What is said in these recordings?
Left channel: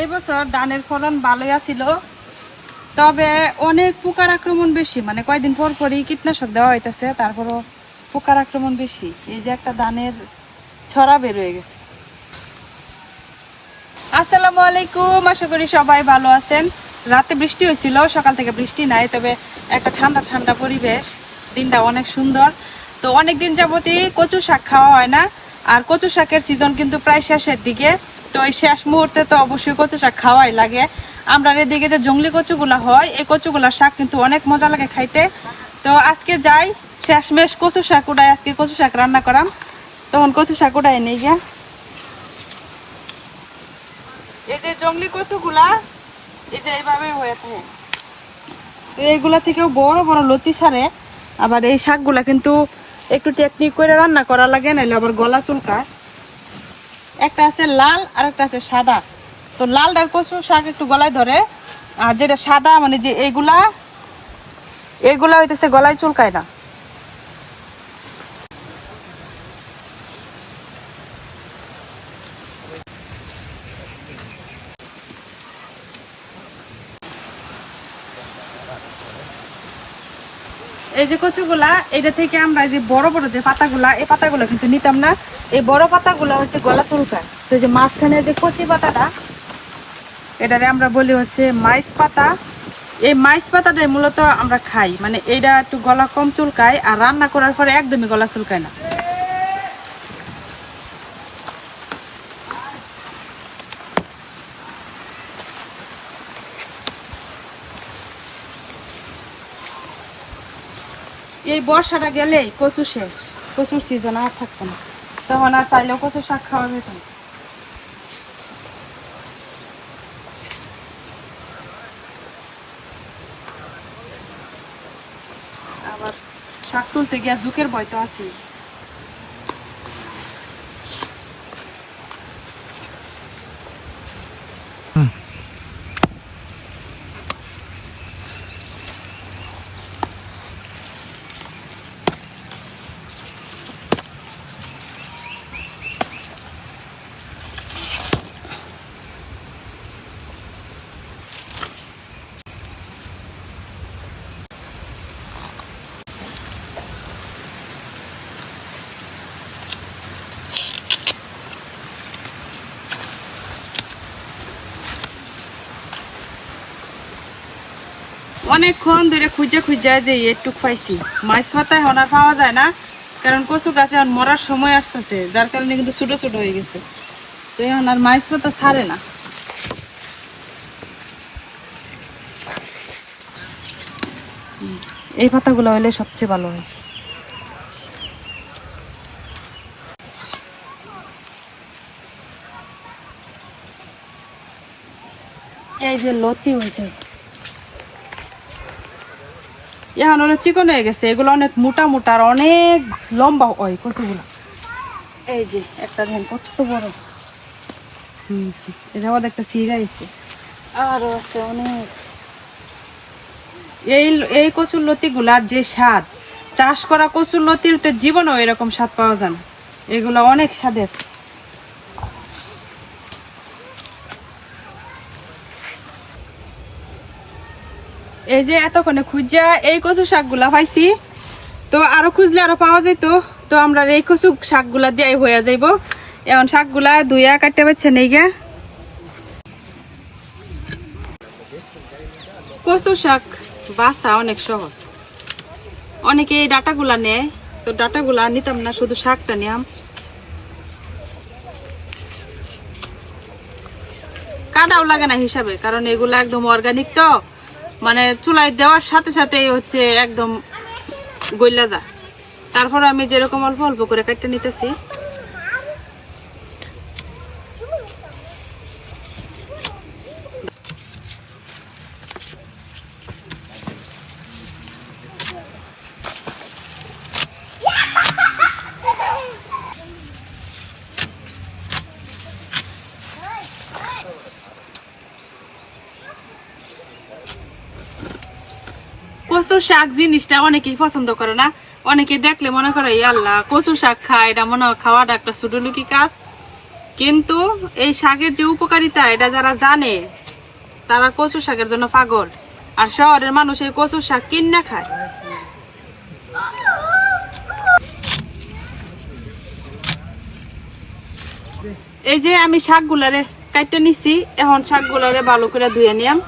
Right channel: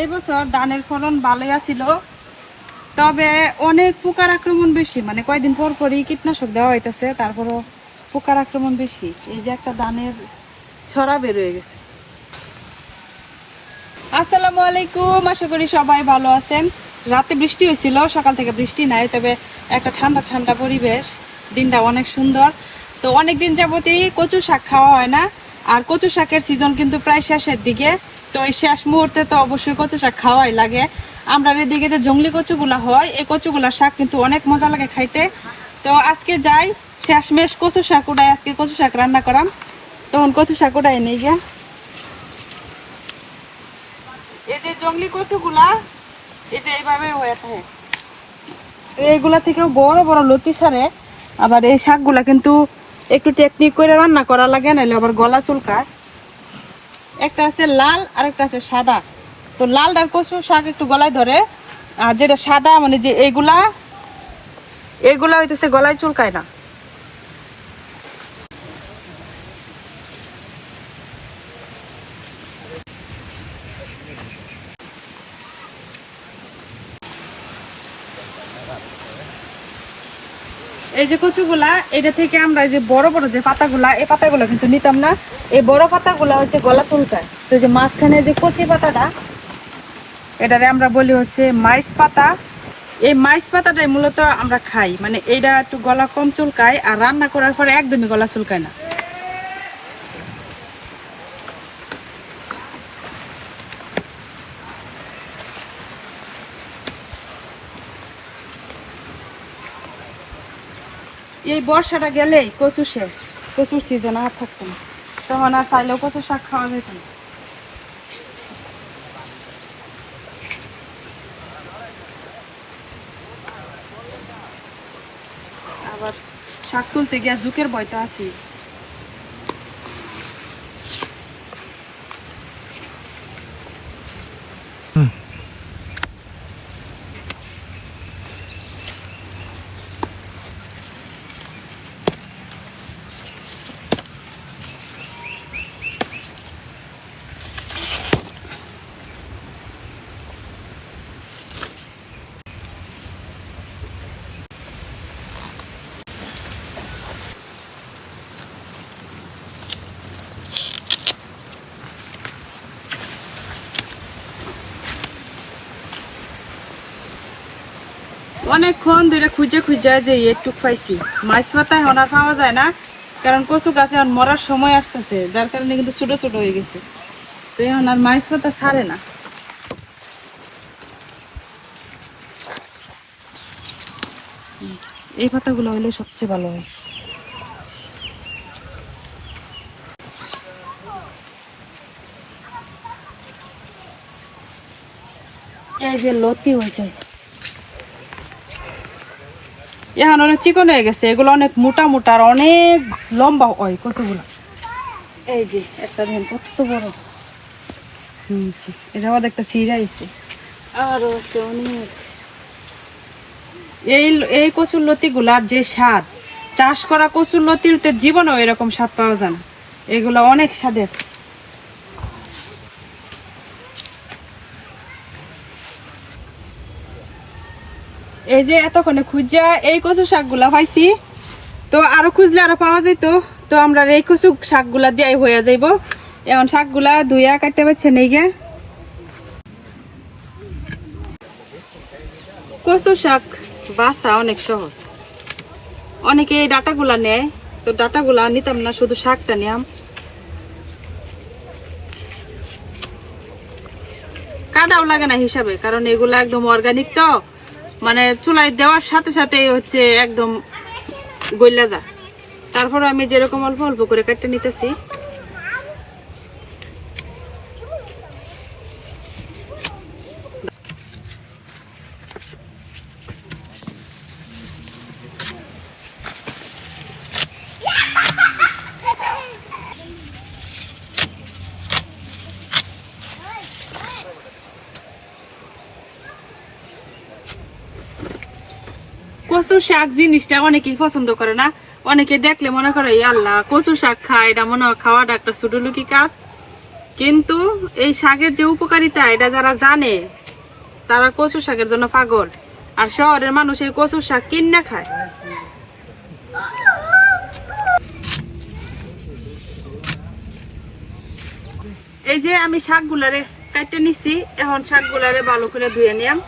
এই বছর ধানের ফলন ভালোই আছিল, তবে অনেক পোকার আক্রমণ বেশি, মানে কয়েকদিন পর পরই কীটনাশক দেওয়া হইতেছে, তারপরও পোকার আক্রমণ বেশি। এই যে একটা ধানের ছড়া বের হয়ে গেছে। আসসালামু আলাইকুম, আশা করি সবাই ভালো আছেন। রাতে বৃষ্টি হয়েছিল, সকাল থেকে বৃষ্টি নাই, তবে একটা ঠান্ডা ঠান্ডা পরিবেশ, দিনটা অনেক সুন্দর। তো অনেক দিন যাবতই কচু শাক খাওয়া হয় না, আর কচু শাকের সিজন কিন্তু প্রায় শেষের দিকে। তো এই শেষ মুহূর্তে তো অবশ্যই কচু শাক খাওয়াই লাগে। আমরা এদিকে যে জংলি কচুগুলা হয়, এই কচুগুলার শাক কিন্তু অনেক মজা লাগে খাইতে। তো আজকে যাই শেষমেশ কচু শাক উঠাই, আজকে কচু শাক রান্না করাম। তখন কচু শাক উঠাই নেই গিয়া। এই যে জংলি কচুগুলা এই যে এইভাবে হয়ে থাকে, এইগুলা থেকেও বড় বড় লতি ছাড়ে। আবার এই শাকগুলা কিন্তু একটু টেকনিক করে রান্না করা লাগে, নাহলে আবার গলা চুলকায়। একটা আছে লাল আর একটা আছে সাদা। তো লালটার কচু শাক একটু গলায় ধরে, আর যেটা সাদা মানে যে এইগুলা হইতেছে গলায় চুলকায় না। এই যে কচুগুলা, এটা থেকে আমরা যে বড় বড় যে পাতাগুলা, এই পাতাগুলো কিন্তু নিতাম না। এই বড় পাতাগুলা হচ্ছে গলা চুলকায়। তো যে মাঝখানে যে কচি পাতাটা, এটারে আমরা বলি হচ্ছে মাইস পাতা। এই মাইস পাতাটাই মূলত আমরা খাই, মানে এইটা একটু গলা কম চুলকায়, আর রান্না করার পরে একদমই গলা চুলকায় না। এই বর্ষাটা গেলেই কচু শেষ, কচুর সিজন আর থাকতো না, তখন আর চাইলেও কচু শাক খাওয়া যেত না। আবার শাক তুলতে গিয়া ঝুঁকের ভয় তো আছে। অনেকক্ষণ ধরে খুঁজে খুঁজে যে একটু পাইছি, মাছ পাতায় এখন আর পাওয়া যায় না, কারণ কচু গাছে এখন মরার সময় আসতেছে, যার কারণে কিন্তু ছোট ছোট হয়ে গেছে। তো এখন আর মাছ পাতা ছাড়ে না। এই পাতাগুলো হইলে সবচেয়ে ভালো হয়। এই যে লতি হয়েছে, এখন অনেক চিকন হয়ে গেছে, এগুলো অনেক মোটা মোটা আর অনেক লম্বা হয় কচুগুলো। এই যে একটা দেখেন কত বড়, এটা আবার একটা চিরাইছে, আরো আছে অনেক। এই এই কচুর লতিগুলার যে স্বাদ, চাষ করা কচুর লতির জীবনেও এরকম স্বাদ পাওয়া যায় না, এগুলো অনেক স্বাদের। এই যে এতক্ষণে খুঁজা এই কচু শাকগুলা পাইছি, তো আরো খুঁজলে আরো পাওয়া যাইতো। তো আমরা এই কচু শাকগুলা দিয়ে হয়ে যাইব। এখন শাকগুলা ধুইয়া কাটতে পারছে নেই গে। কচু শাক বাছা অনেক সহজ, অনেকে এই ডাটাগুলা নেয়, তো ডাটাগুলা নিতাম না, শুধু শাকটা নিয়াম। কাটাও লাগে না হিসাবে, কারণ এগুলা একদম অর্গানিক, তো মানে চুলায় দেওয়ার সাথে সাথে হচ্ছে একদম গইলা যায়। তারপর আমি যেরকম অল্প অল্প করে কাটতে নিতেছি। কচু শাক জিনিসটা অনেকেই পছন্দ করে না, অনেকে দেখলে মনে করে আল্লাহ কচু শাক খায়, এটা মনে হয় খাওয়াটা একটা ছোট লুকি কাজ। কিন্তু এই শাকের যে উপকারিতা এটা যারা জানে তারা কচু শাকের জন্য পাগল। আর শহরের মানুষ এই কচু শাক কিনে খায়। এই যে আমি শাকগুলারে কাটতে নিছি, এখন শাকগুলারে ভালো করে ধুয়ে নিলাম।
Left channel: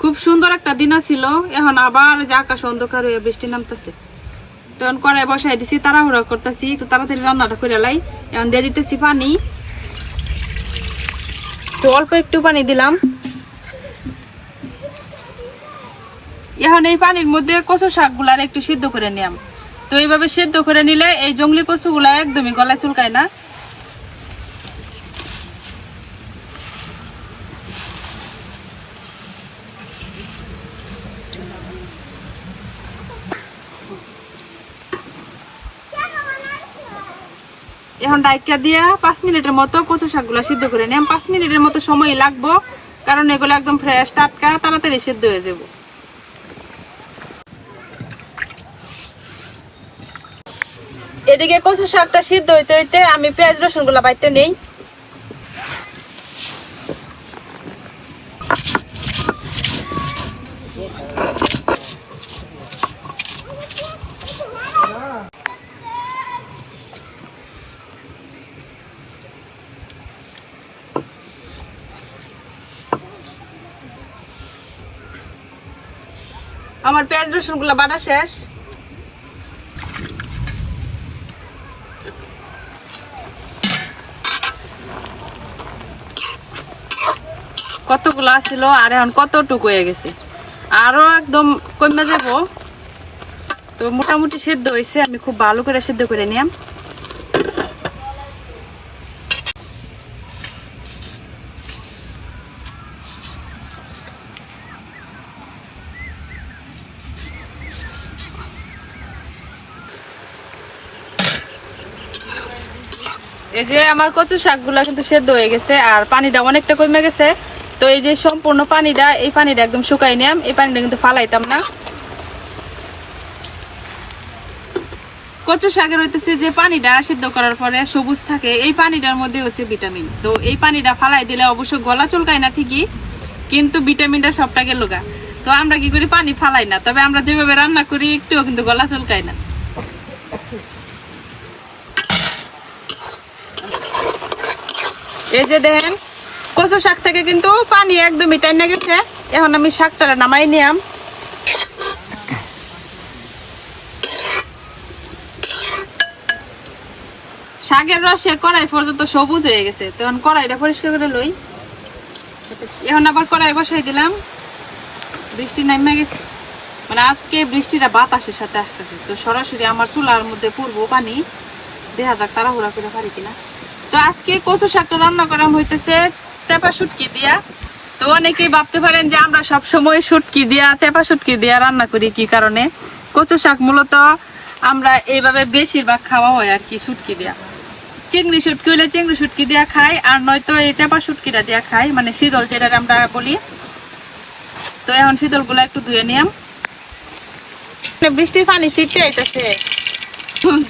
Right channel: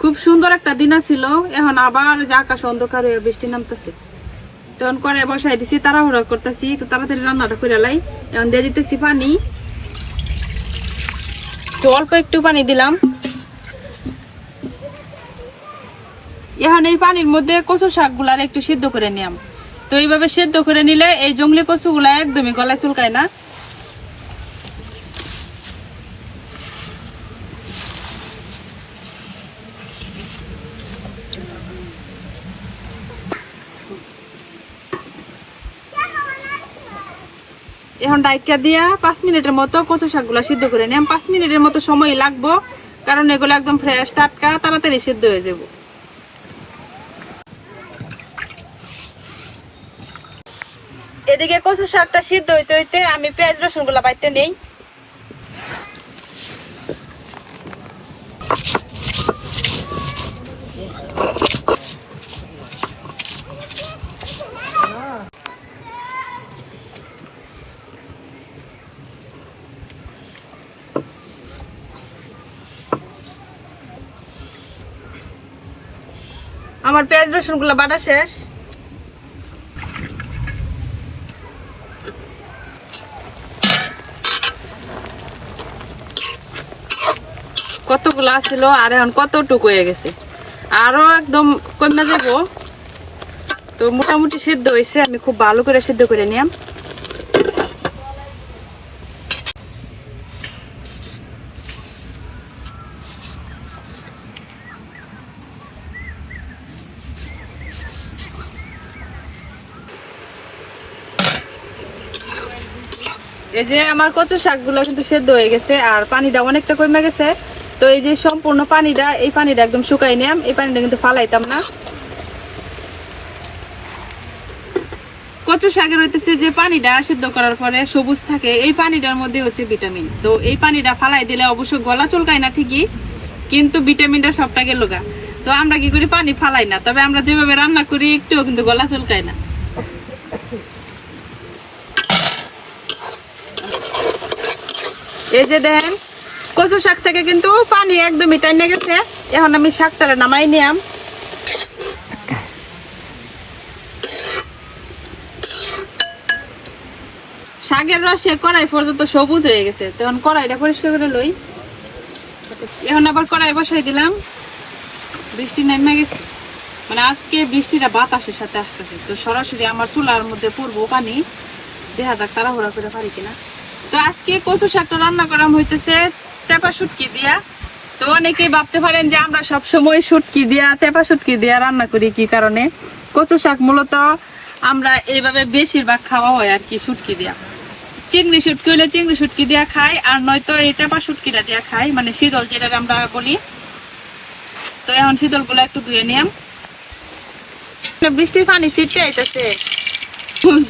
খুব সুন্দর একটা দিন ছিল, এখন আবার যে আকাশ অন্ধকার হয়ে বৃষ্টি নামতেছে। তখন কড়াই বসাই দিছি, তাড়াহুড়া করতেছি একটু তাড়াতাড়ি রান্নাটা করে লাই। এখন দিয়ে দিতেছি পানি, তো অল্প একটু পানি দিলাম। এখন এই পানির মধ্যে কচু শাক গুলা একটু সিদ্ধ করে নিলাম। তো এইভাবে সিদ্ধ করে নিলে এই জংলি কচু গুলা একদমই গলায় চুলকায় না। এখন ডাইকা দিয়া 5 মিনিটের মতো কচু শাকগুলা সিদ্ধ করে নিলাম। 5 মিনিটের মতো সময় লাগবো, কারণ এগুলো একদম ফ্রেশ টাটকা, তাড়াতাড়ি সিদ্ধ হয়ে যাব। এদিকে কচু শাকটা সিদ্ধ হইতে হইতে আমি পেঁয়াজ রসুন গুলা বাইতে নেই। আমার পেঁয়াজ রসুন গুলা বাটা শেষ। কতগুলা ছিল আর এখন কতটুকু হয়ে গেছে, আরো একদম কমে যাব। তো মোটামুটি সিদ্ধ হয়েছে, আমি খুব ভালো করে সিদ্ধ করে নিলাম। এই যে আমার কচু শাকগুলা কিন্তু সেদ্ধ হয়ে গেছে আর পানিটা অনেকটা কমে গেছে। তো এই যে সম্পূর্ণ পানিটা, এই পানিটা একদম শুকাই নিলাম। এই পানিটা কিন্তু ফালাইতাম না। কচু শাকের হইতেছে যে পানিটা সিদ্ধ করার পরে সবুজ থাকে, এই পানিটার মধ্যে হচ্ছে ভিটামিন। তো এই পানিটা ফালাই দিলে অবশ্য গলা চুলকায় না ঠিকই, কিন্তু ভিটামিনটা সবটা গেল গা। তো আমরা কি করি, পানি ফালাই না, তবে আমরা যেভাবে রান্না করি একটুও কিন্তু গলা চুলকায় না। এই যে দেখেন কচু শাক থেকে কিন্তু পানি একদমই টাইনে গেছে। এখন আমি শাকটারে নামাই নিলাম। শাকের রসে কড়াই পর্যন্ত সবুজ হয়ে গেছে। তখন কড়াইটা পরিষ্কার করে লই। এখন আবার কড়াই বসাই দিলাম। বৃষ্টি নেমে গেছে, মানে আজকে বৃষ্টিটা বাতাসের সাথে আসতেছে। তো সরাসরি আমার চুলার মধ্যে পড়বো পানি, দেখা যাক তাড়াহুড়া করে পারি কিনা। তো আজকে কচু শাকটা রান্না করা হইতেছে চাপা শুটকি দিয়া। তো অনেকেই ভাবতে পারেন যে আমরা সব সময় শুটকি দিয়া, চাপা শুটকি দিয়া রান্না করি, কি কারণে। কচু শাক মূলত আমরা এইভাবে বেশিরভাগ খাওয়া হয় আর কি, শুটকি দিয়া। চিংড়ি শুটকি হলে চিংড়ি শুটকি দিয়া খাই, আর নয়তো এই চাপা শুটকিটা দিয়া খাই, মানে শীতল যেটা আমরা বলি। তো এখন শীতল গুলা একটু ধুয়ে নিলাম। বৃষ্টির পানি ছিটকে আইতেছে,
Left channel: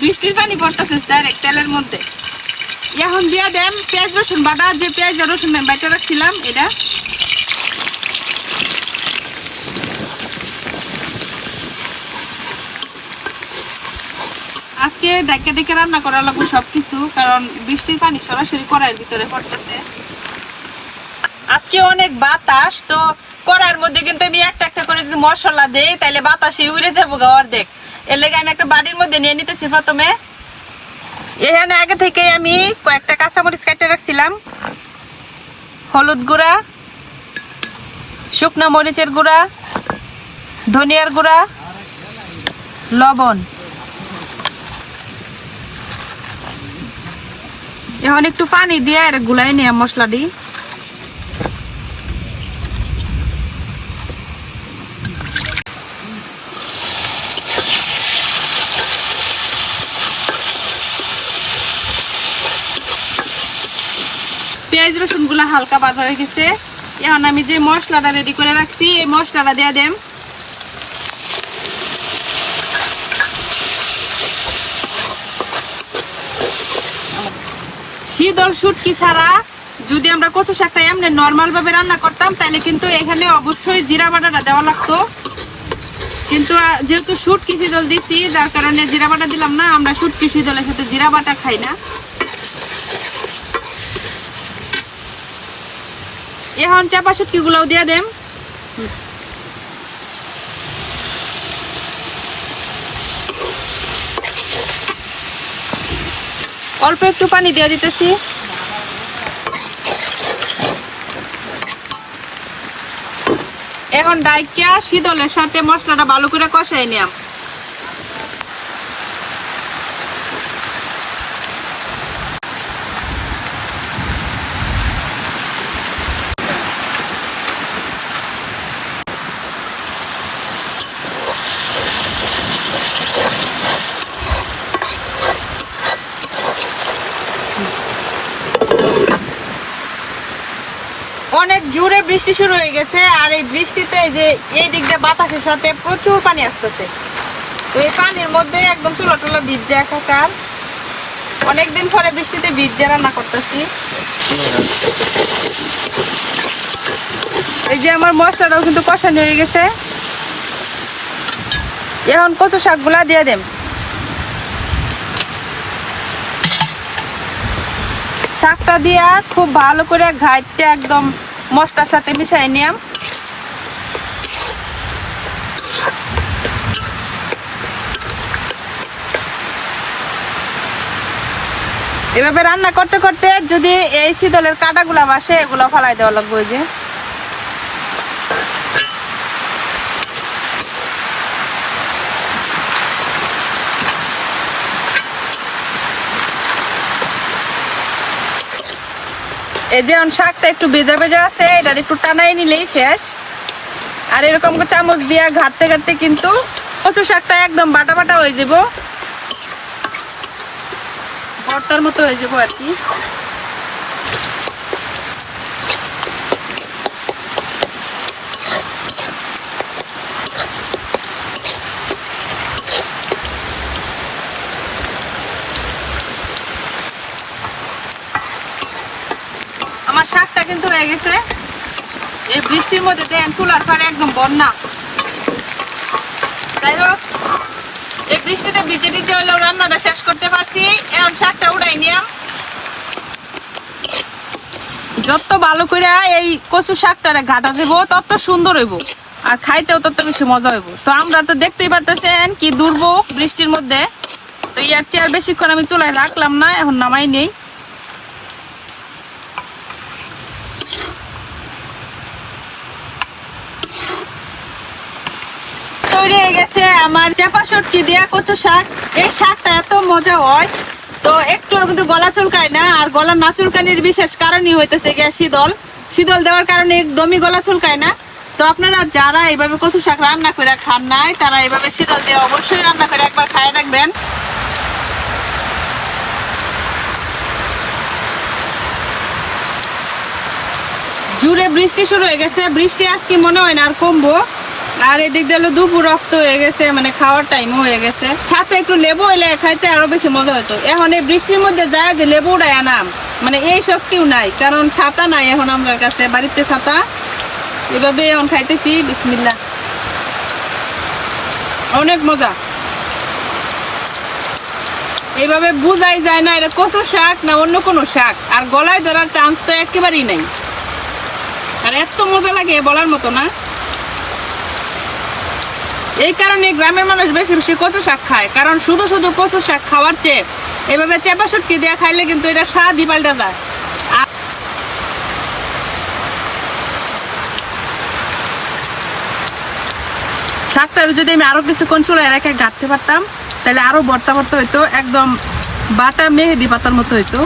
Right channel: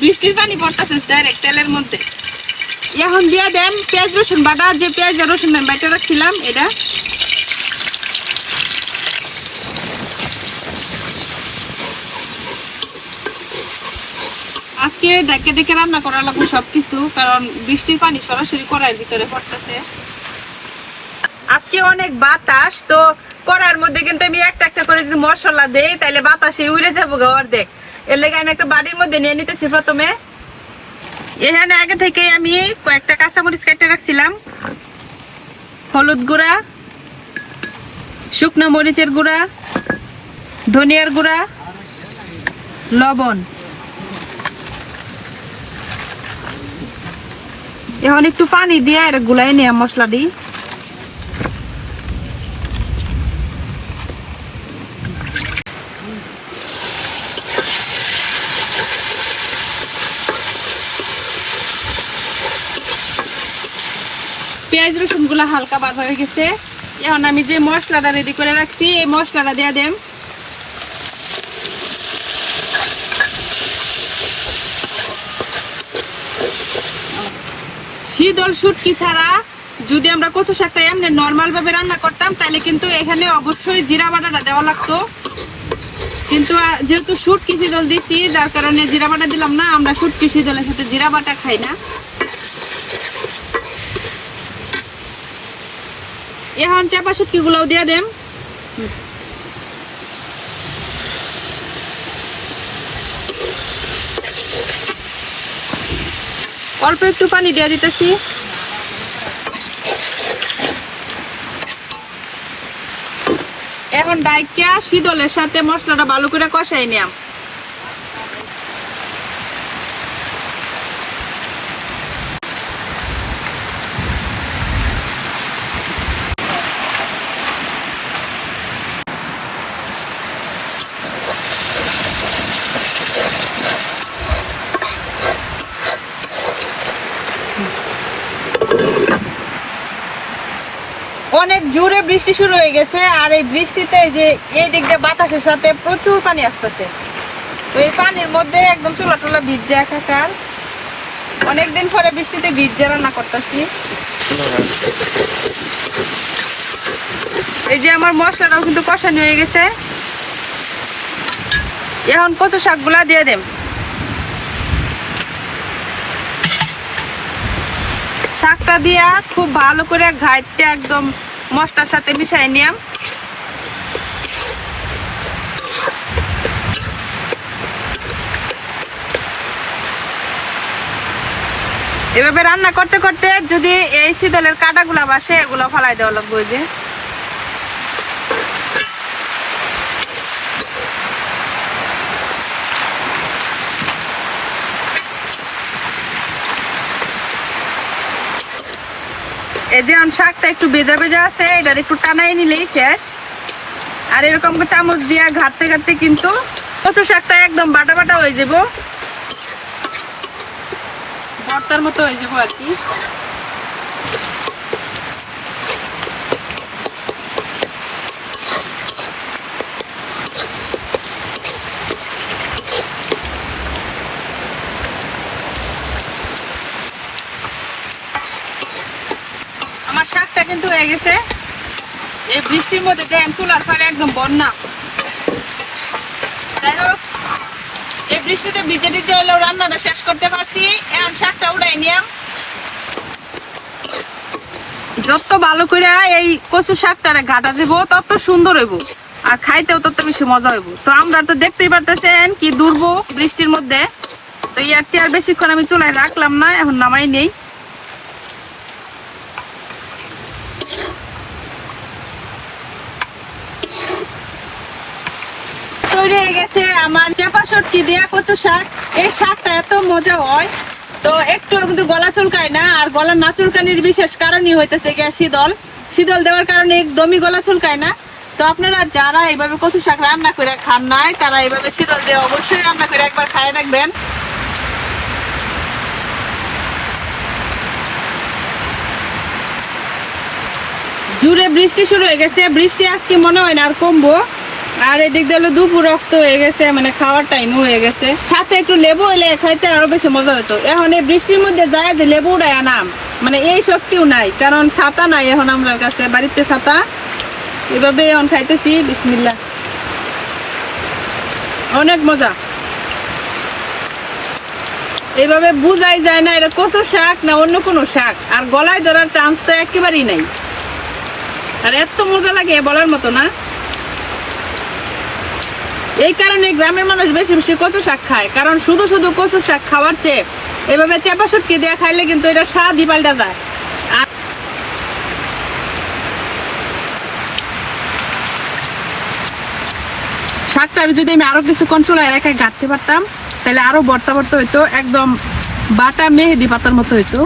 বৃষ্টির পানি পড়তেছে ডাইরেক্ট তেলের মধ্যে। এখন দিয়ে দেন পেঁয়াজ রসুন বাটা, যে পেঁয়াজ রসুন বাটা রাখছিলাম এটা। আজকে ডেকে ডেকে রান্না করা লাগবে সবকিছু, কারণ বৃষ্টির পানি সরাসরি কড়াইয়ের ভিতরে পড়তেছে। আজকে অনেক বাতাস, তো কড়াইয়ের মধ্যে কিন্তু আমি একটা একটা করে যদি মশলা দেই তাহলে বাতাসে উড়ে যাবো গা অর্ধেক। এর লেগে আমি একটা বাটির মধ্যে নিয়ে নিতেছি। প্রথমে এখানে আগে থেকে আমি কয়েকটা কাঁচামরিচ কেটে রাখছিলাম, হলুদ গুঁড়া, শুকনো মরিচের গুঁড়া, ধনিয়ার গুঁড়া, লবণ। এখন একটু পানি দিয়ে আর গুলাই নিয়ে মশলা দিই। পেঁয়াজ রসুন গুলা হালকা ভাজা হয়ে গেছে। এখন আমি যে মশলাটা রেডি করে রাখছি এই মশলাটা দিয়ে দেম। শীতল শুটকি ছাড়া যদি আমরা কচু শাকটা এমনি নর্মাল ভাবে রান্না করতাম তাহলে কিন্তু এখানে অবশ্যই জিরা বাটাটা দেওয়া লাগতো, কিন্তু যেহেতু শুটকি শীতল দিচ্ছি যার কারণে জিরা বাটা দিলাম না। আমরা শুটকি শীতলের সাথে জিরা বাটা খাই না। এখন চাপা শুটকি গুলাও দিয়ে দেম। অল্প একটু পানি দিয়ে দিতেছি। এখন ডাইকা শীতলের সাথে মশলাটা ভালো করে কষাই নিলাম। অনেক জোরে বৃষ্টি শুরু হয়ে গেছে, আর এই বৃষ্টিতে যে এই দিক দিয়ে বাতাসের সাথে প্রচুর পানি আসতেছে। তো এই পানির মধ্যে একদম চুলা টুলা ভিজে একাকার। অনেকদিন পরে বৃষ্টিতে ভিজে রান্না করতেছি। এই যে আমার মশলাটাও কিন্তু কষানো হয়ে গেছে। এখন কচু শাক গুলা দিয়ে দেব। শাকটা দিয়া খুব ভালো করে ঘাইটে একদম মশলার সাথে মিশাই নিলাম। এভাবে রান্না করতে করতে যদি এই শীতলের কাঁটাগুলা বাসে এগুলো ফেলাই দেওয়া লাগবে। যে এই যে শাকটা একটু ভিজা ভেজা আছে, এটা একটু টানাই নিলেই শেষ। আর এরকম চামচ দিয়া ঘাটতে ঘাটতে কিন্তু কচু শাকটা একদম বাটা বাটা হয়ে যাব, ভর্তার মতো হয়ে যাব আর কি। আমার শাকটা কিন্তু হয়ে গেছে। এই বৃষ্টির মধ্যে দেন চুলার পারে একদম বন্যা। যাই হোক, এই বৃষ্টিতে ভিজে ভিজে হলেও রান্নাটা শেষ করতে পারছি। এখন শাকটা উঠাই নিলাম। যত ভালো করে এই কচু শাকটা ঘাটা দেব তত সুন্দর হইব, আর খাইতেও তত বেশি মজা হইব। তো আমরা তো দেখতেই পারতেছেন কি দুর্ভোগ বৃষ্টির মধ্যে। তো ইয়ার চেয়ে বেশিক্ষণ আমি চুলায় রাখলাম না, এখন নামাই নেই। তৈরি হয়ে গেছে আমার চাপা শুটকি দিয়া কচু শাক। এই শাকটা এত মজা হয়, তো একটু কিন্তু গলা চুলকায় না। আর গলা না চুলকানির বিশেষ কারণই হইতেছে গিয়া শীতল। শীতল দেওয়ার কারণে একদমই গলা চুলকায় না। তো আপনারা যারা এইভাবে কচু শাক রান্না করে খান নাই তারা এইভাবে শীতল দিয়ে অবশ্যই রান্না করে একবার খায় রাখবেন। জোরে বৃষ্টি শুরু হয়ে গেছে। বৃষ্টি আজকে মনে হয় না আর কমবো। আর এদিক দিয়ে দুপুর রক্ত হয়ে গেছে, মানে খাওয়ার টাইমও হয়ে গেছে। সাথে একটু লেবু হইলে খাইতে আরো বেশি মজা হতো। এখন এই বৃষ্টির মধ্যে যায় যে লেবু উড়াই আনাম, মানে এই শক্তিও নাই, কারণ ছাতা নাই এখন আমার কাছে, বাড়িতে ছাতা। এভাবে এখন খাইতেছি। বিসমিল্লাহ, অনেক মজা। এইভাবে বুঝাই যায় না এটা কচু শাক না অন্য কোনো শাক, আর গলায় ধরার চান্স তো একেবারেই নাই। আর এত মজা লাগে বলার মতো না। এই কারণে গ্রামের মানুষ বেশি বেশি কচু শাক খায়, কারণ শুধু শুধু কচু শাক খাওয়ার চেয়ে এভাবে চাপা শুটকি দিয়ে খাইলে কিন্তু এটা স্বাদই পাল্টা যায়। শাকটার যদি আমি আরো কিছুক্ষণ চুলায় রেখে গাঁটতে পারতাম তাহলে আরো ভর্তা ভর্তা হইতো, একদম বাটা মেহেদি পাতার মতো হইতো।